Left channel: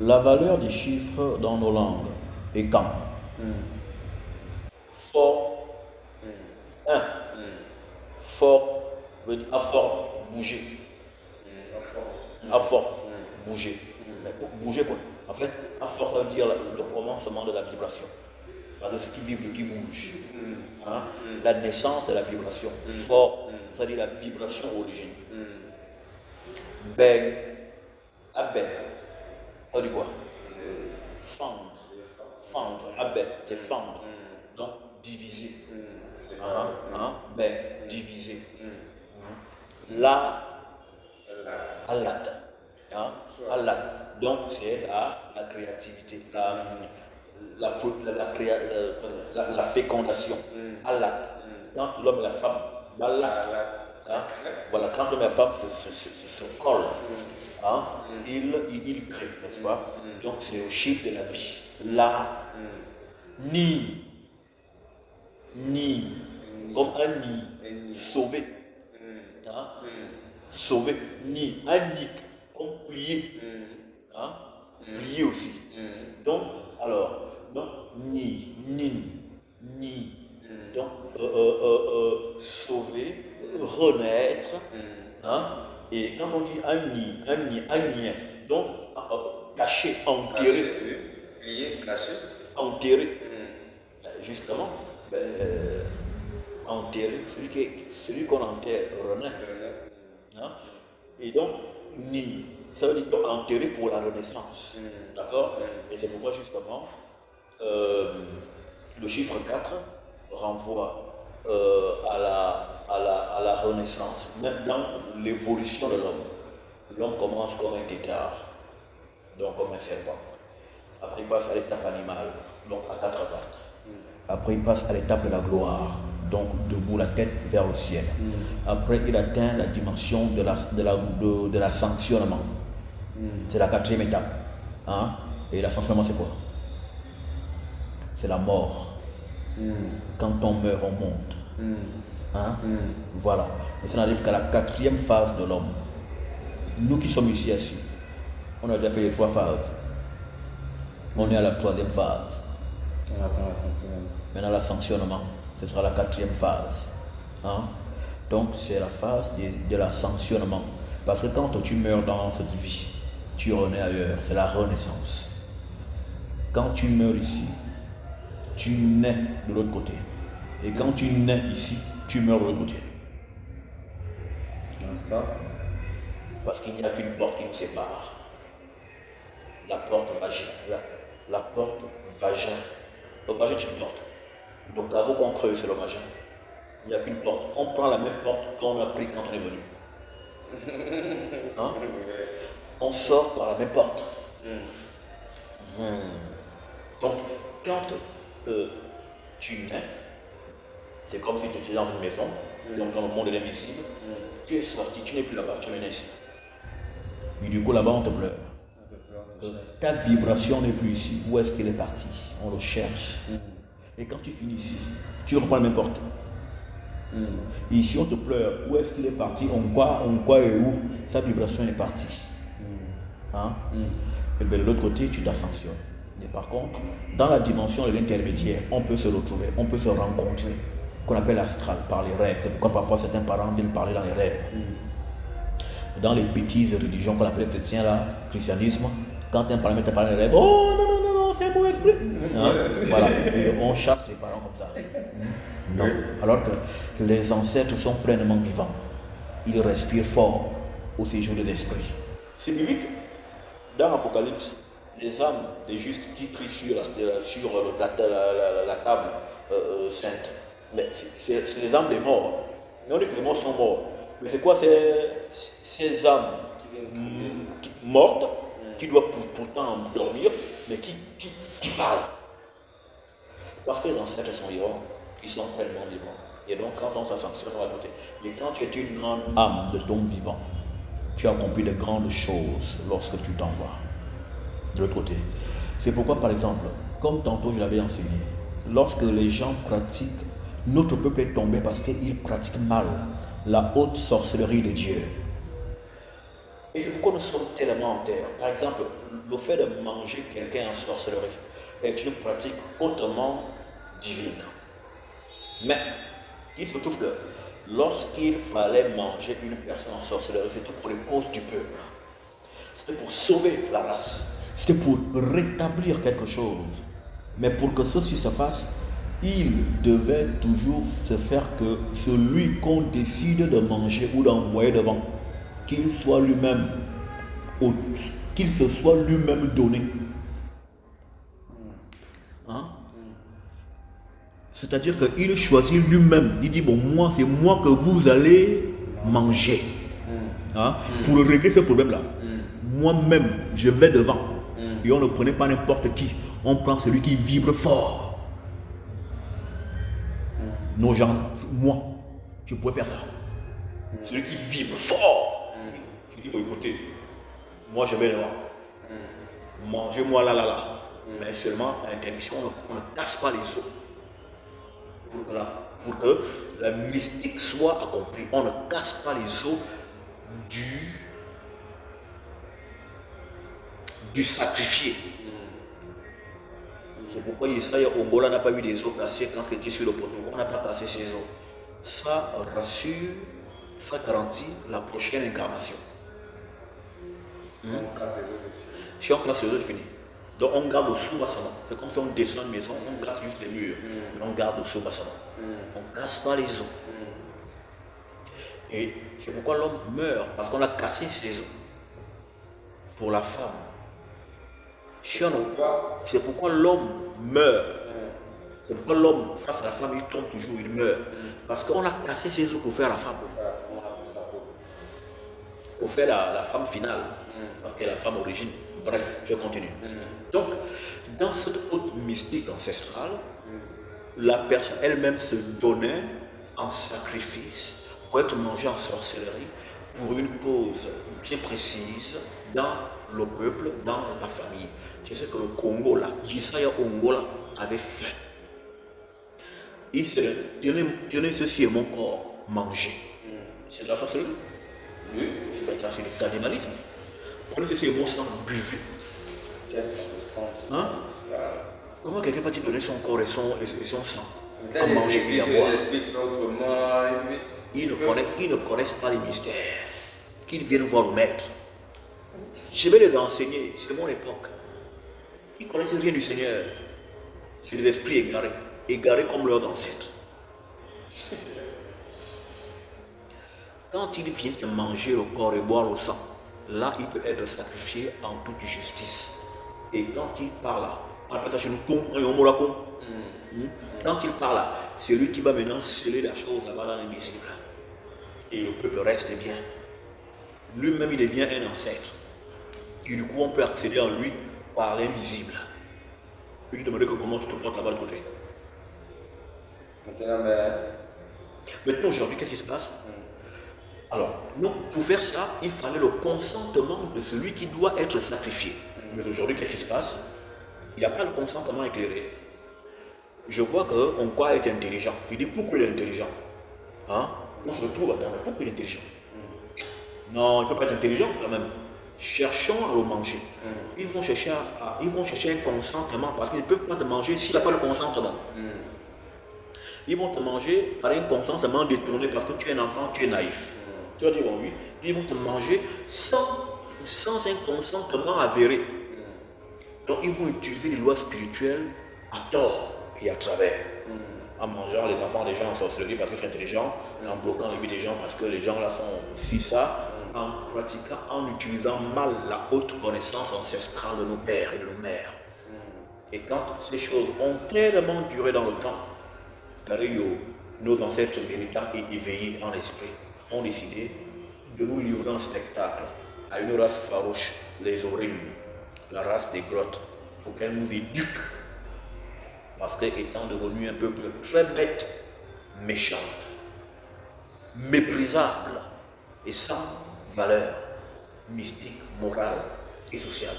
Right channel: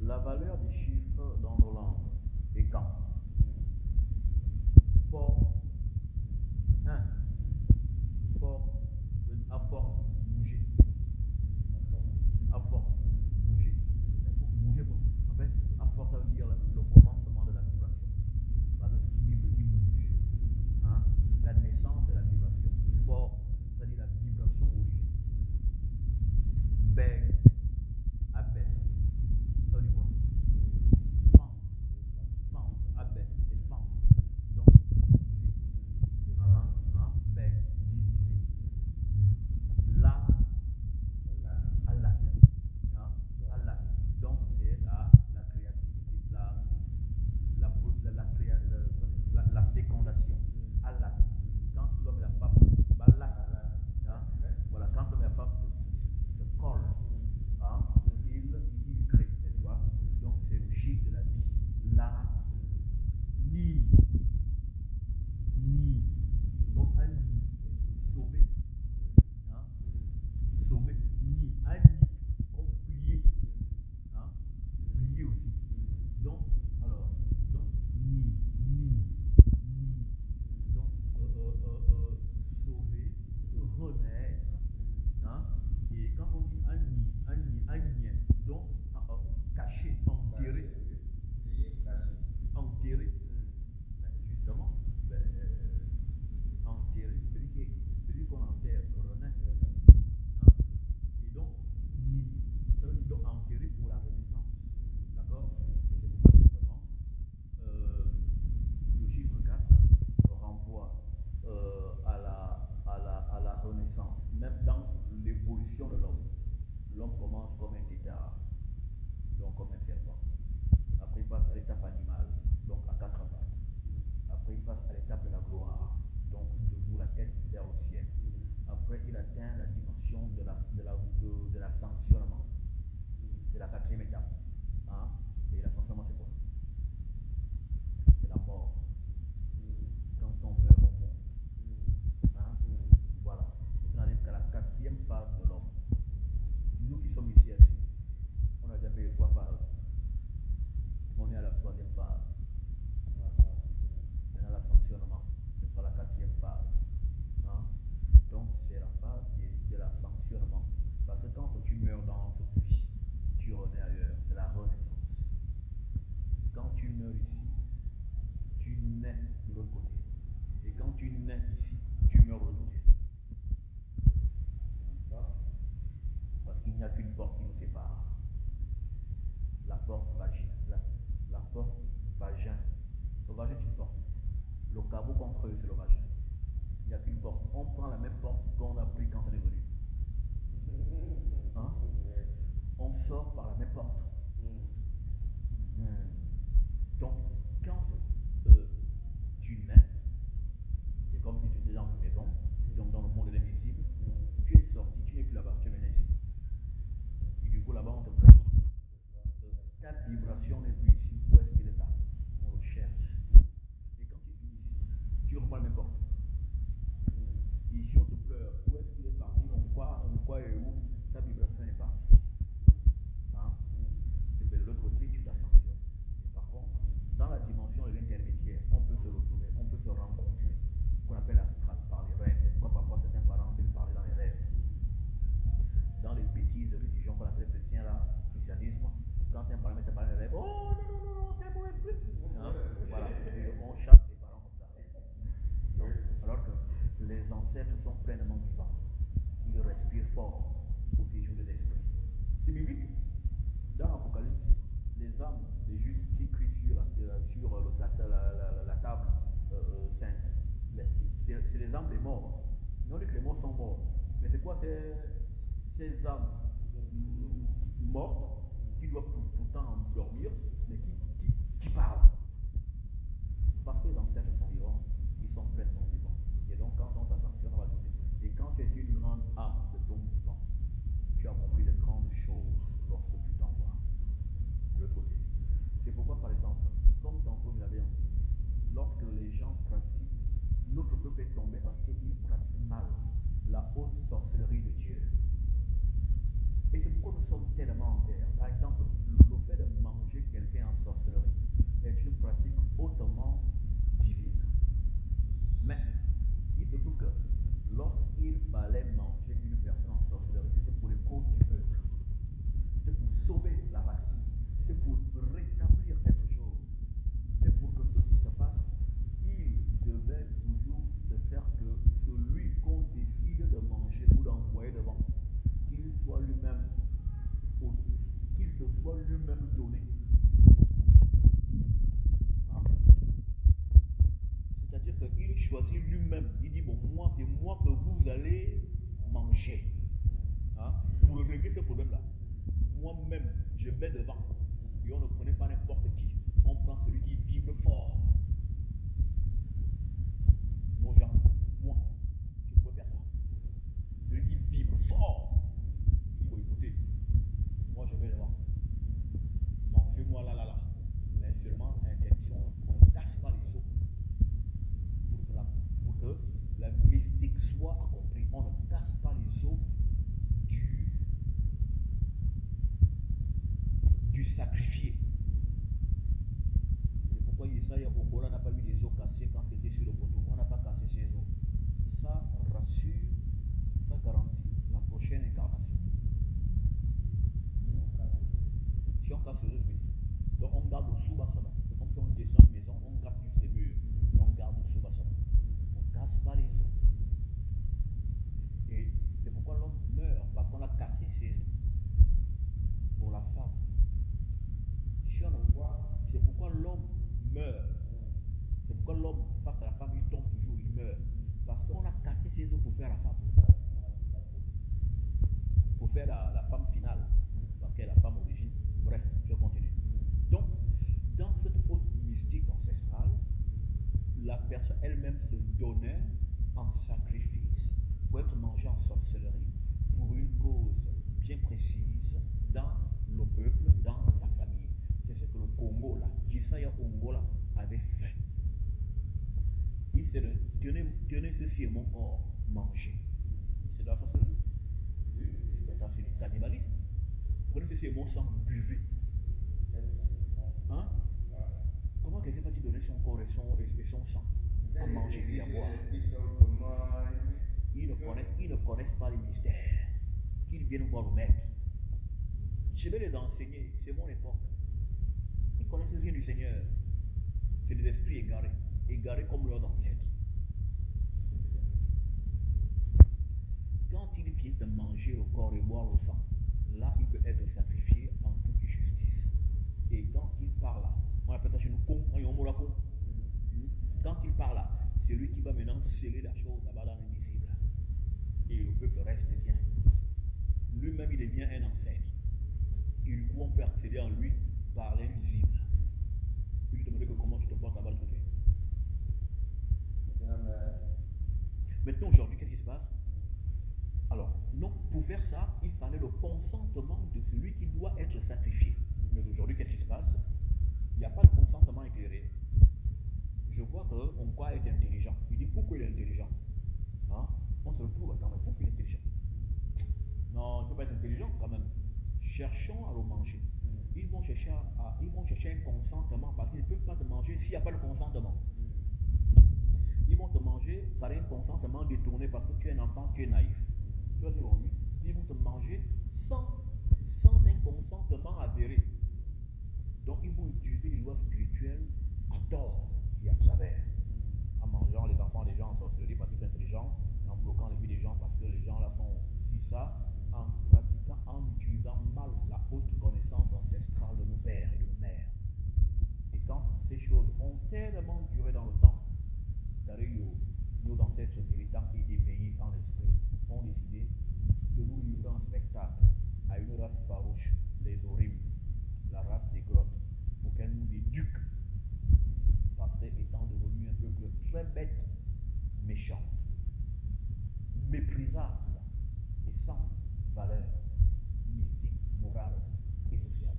La valeur des chiffres dans nos langues est quand fort, un, fort veut dire à fort, bouger, à fort, bouger. Mais pour bouger quoi? En fait, à fort ça veut dire le commencement de la vibration. Parce que ce qui vibre, qui bouge. Hein? La naissance et la vibration. Fort, ça veut dire la vibration origine. Ben, abbé, ça veut dire quoi? Fendre. Fendre, abbé, c'est fendre. Donc, diviser. Ben, diviser. La, alat. Alat. Donc, c'est la créativité, la fécondation. Alat. Quand l'homme et la femme, alat. Voilà, quand l'homme et la femme se collent, ils créent, n'est-ce pas? Donc, c'est au chiffre de la vie. La, ni, comme un nid, sauvé. Sauvé, ni, un nid, comme plié. Plié aussi. Donc, alors, ni, donc, sauver, renaître. Et quand on dit un nid, donc, caché, enterré. Plié, caché. Enterré. Justement, enterré, celui qu'on enterre renaît. Et donc, ni, ça veut dire enterré pour la renaissance. D'accord? Et c'est pourquoi justement, le chiffre 4 renvoie à la renaissance, même dans l'évolution de l'homme. L'homme commence comme un tétard, donc comme un serpent. Après, il passe à l'étape animale, donc à 4 pattes. Après, il passe à l'étape de la gloire, donc debout, la tête vers le ciel. Après, il atteint la dimension de la sanctionnement. C'est la 4e étape. Et la sanctionnement, c'est quoi? C'est la mort. Quand on meurt, on monte. Voilà. Et ça n'arrive qu'à la 4e phase de l'homme. Nous qui sommes ici assis, on a déjà fait les 3 phases. On est à la 3e phase. On attend la sanctionnement. Maintenant, la sanctionnement, ce sera la 4e phase. Donc, c'est la phase de la sanctionnement. Parce que quand tu meurs dans cette vie, tu renais ailleurs. C'est la renaissance. Quand tu meurs ici, tu nais de l'autre côté. Et quand tu nais ici, tu meurs de l'autre côté. Ça. Parce qu'il n'y a qu'une porte qui nous sépare. La porte vagin. La porte vagin. Le vagin, c'est une porte. Le caveau qu'on creuse, c'est le vagin. Il n'y a qu'une porte. On prend la même porte qu'on a pris quand on est venu. On sort par la même porte. Donc, quand tu nais, c'est comme si tu étais dans une maison, donc dans le monde de l'invisible. Tu es sorti, tu n'es plus là-bas, tu es ici. Et du coup, là-bas, on te pleure. Ta vibration n'est plus ici. Où est-ce qu'elle est partie? On le cherche. Et quand tu finis ici, tu reprends la même porte. Et ici, on te pleure. Où est-ce qu'il est parti? On quoi et où? Sa vibration est partie. Et bien de l'autre côté, tu t'ascensionnes. Mais par contre, dans la dimension de l'intermédiaire, on peut se retrouver, on peut se rencontrer, qu'on appelle astral, par les rêves. C'est pourquoi parfois certains parents viennent parler dans les rêves. Dans les bêtises religions qu'on appelle chrétiens, là, christianisme, quand un parlement te parle dans les rêves, oh non, c'est un beau esprit. Voilà, et on chasse les parents comme ça. Non, alors que les ancêtres sont pleinement vivants. Ils respirent fort au séjour de l'esprit. C'est biblique. Dans l'Apocalypse, les âmes des justes qui prient sur la table sainte, c'est les âmes des morts. Mais on dit que les morts sont morts. Mais c'est quoi ces âmes mortes qui doivent pourtant dormir, mais qui parlent? Parce que les ancêtres sont vivants, ils sont tellement vivants. Et donc, quand on s'ascensionne, on va noter. Et quand tu es une grande âme de dôme vivant, tu as accompli de grandes choses lorsque tu t'envoies de l'autre côté. C'est pourquoi, par exemple, comme tantôt je l'avais enseigné, lorsque les gens pratiquent, notre peuple est tombé parce qu'ils pratiquent mal la haute sorcellerie de Dieu. Et c'est pourquoi nous sommes tellement en terre. Par exemple, le fait de manger quelqu'un en sorcellerie est une pratique hautement divine. Mais il se trouve que lorsqu'il fallait manger une personne en sorcellerie, c'était pour les causes du peuple. C'était pour sauver la race. C'était pour rétablir quelque chose. Mais pour que ceci se fasse, il devait toujours se faire que celui qu'on décide de manger ou d'envoyer devant, qu'il soit lui-même, qu'il se soit lui-même donné. Hein? C'est-à-dire qu'il choisit lui-même. Il dit, bon, moi, c'est moi que vous allez manger. Hein? Pour régler ce problème-là. Moi-même, je vais devant. Et on ne prenait pas n'importe qui. On prend celui qui vibre fort. Nos gens, moi, je pourrais faire ça. Celui qui vibre fort. Je dis, bon, écoutez, moi je vais devant. Mangez-moi là. Mais seulement à l'interdiction, on ne casse pas les os. Pour que la mystique soit accomplie. On ne casse pas les os du sacrifié. C'est pourquoi Israël Ongola n'a pas eu des os cassés quand il était sur le poteau. On n'a pas cassé ses os. Ça rassure, ça garantit la prochaine incarnation. Si on casse les os, c'est fini. Donc on garde le sous-vassement. C'est comme si on descend une maison, on casse juste les murs. Mais on garde le sous-vassement. On ne casse pas les os. Et c'est pourquoi l'homme meurt, parce qu'on a cassé ses os. Pour la femme. C'est pourquoi l'homme meurt. C'est pourquoi l'homme, face à la femme, il tombe toujours, il meurt. Parce qu'on a cassé ses os pour faire la femme. Pour faire la femme finale. Parce qu'elle est la femme d'origine. Bref, je continue. Donc, dans cette haute mystique ancestrale, la personne elle-même se donnait en sacrifice pour être mangée en sorcellerie pour une cause bien précise dans le peuple, dans la famille. C'est ce que le Congo là, Jisaya Ongola avait fait. Il s'est donné ceci est mon corps, manger. C'est de la sorcellerie. Oui, c'est du cannibalisme. Prenez ceci est mon sang, buvez. Quel sang? Hein? Comment quelqu'un va-t-il donner son corps et son sang à manger et à boire? Ils ne connaissent pas les mystères. Qu'ils viennent voir le maître. Je vais les enseigner, c'est mon époque. Ils ne connaissent rien du Seigneur. C'est des esprits égarés comme leurs ancêtres. Quand ils viennent de manger le corps et boire le sang, là il peut être sacrifié en toute justice. Et quand il parle là, quand il parle là, c'est lui qui va maintenant sceller la chose là-bas dans l'invisible. Et le peuple reste bien. Lui-même il devient un ancêtre. Et du coup on peut accéder en lui par l'invisible. Je lui demandais comment tu te portes là-bas de côté. Maintenant aujourd'hui, qu'est-ce qui se passe? Alors, donc, pour faire ça, il fallait le consentement de celui qui doit être sacrifié. Mais aujourd'hui, qu'est-ce qui se passe? Il n'y a pas de consentement éclairé. Je vois qu'on croit être intelligent. Il dit pourquoi il est intelligent? Hein? On se retrouve à terre, mais pourquoi il est intelligent? Non, il ne peut pas être intelligent quand même. Cherchons à le manger. Ils vont chercher un consentement parce qu'ils ne peuvent pas te manger s'il n'y a pas de consentement. Ils vont te manger par un consentement détourné parce que tu es un enfant, tu es naïf. Tu vas dire bon oui. Ils vont te manger sans un consentement avéré. Donc ils vont utiliser les lois spirituelles à tort et à travers. En mangeant les enfants des gens en sorcellerie parce qu'ils sont intelligents, en bloquant les vies des gens parce que les gens là sont si ça, en pratiquant, en utilisant mal la haute connaissance ancestrale de nos pères et de nos mères. Et quand ces choses ont tellement duré dans le temps, nos ancêtres méritants et éveillés en esprit ont décidé de nous livrer un spectacle à une race farouche, les Orim, la race des grottes, pour qu'elle nous éduque. Parce qu'étant devenu un peuple très bête, méchant, méprisable et sans valeur mystique, morale et sociale.